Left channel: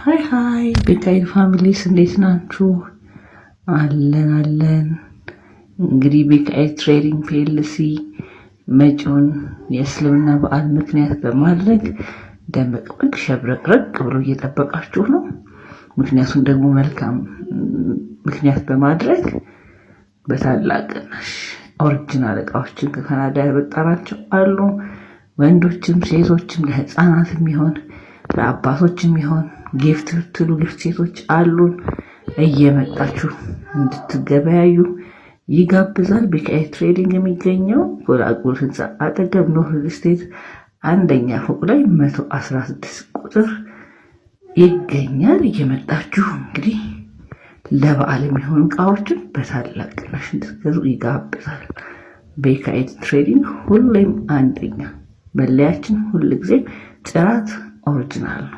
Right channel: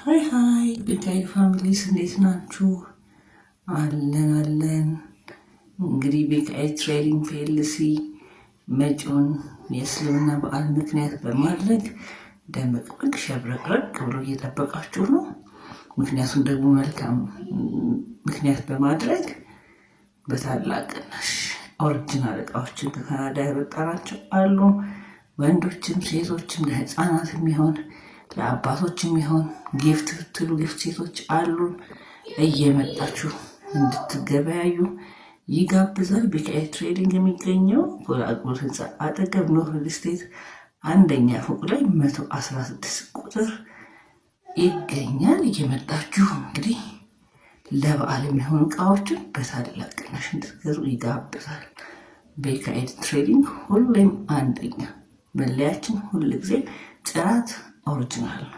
ሃይ ቤካይድ ፋሚሊስ እንዴት ናችሁ? አለን። እንግዲህ ቤካይድ ትሬዲንግ ፒኤልሲ መጪውን የእስልምና በዓል ምክንያት በማድረግ ደመቅመቅ ሸብረቅረቅ ብሎ እየጠበቃችሁ ነው። ምክንያቱም ደግሞ መልካም ምክንያት በማድረግ በታላቅ ቅናሽ ኦሪጂናል እቃዎችን ከካናዳ ያበጣራቸው አሉ። ወንዶችም ሴቶችም ለህፃናትም ይሆን ለአባቶችም ይሆን ጊፍት ብትሉ ጊፍት ሴቶች አሉን። እየመጣችሁ እንድትገበያዩ ይጋብዛል። ቤካይድ ትሬዲንግ የሚገኘው ጎላጎል ህንፃ አጠገብ ኖር ሪል ስቴት አንደኛ ፎቅ ላይ 116 ቁጥር ይገኛል። እየመጣችሁ እንግዲህ ለበዓል የሚሆኑ እቃዎችን በታላቅ ቅናሽ እንድትገዙ ይጋብዛል። ቤካይድ ትሬዲንግ ሁሌም አንደኛ፣ መለያችን ሁልጊዜ ጥራት ኦሪጂናል ነው።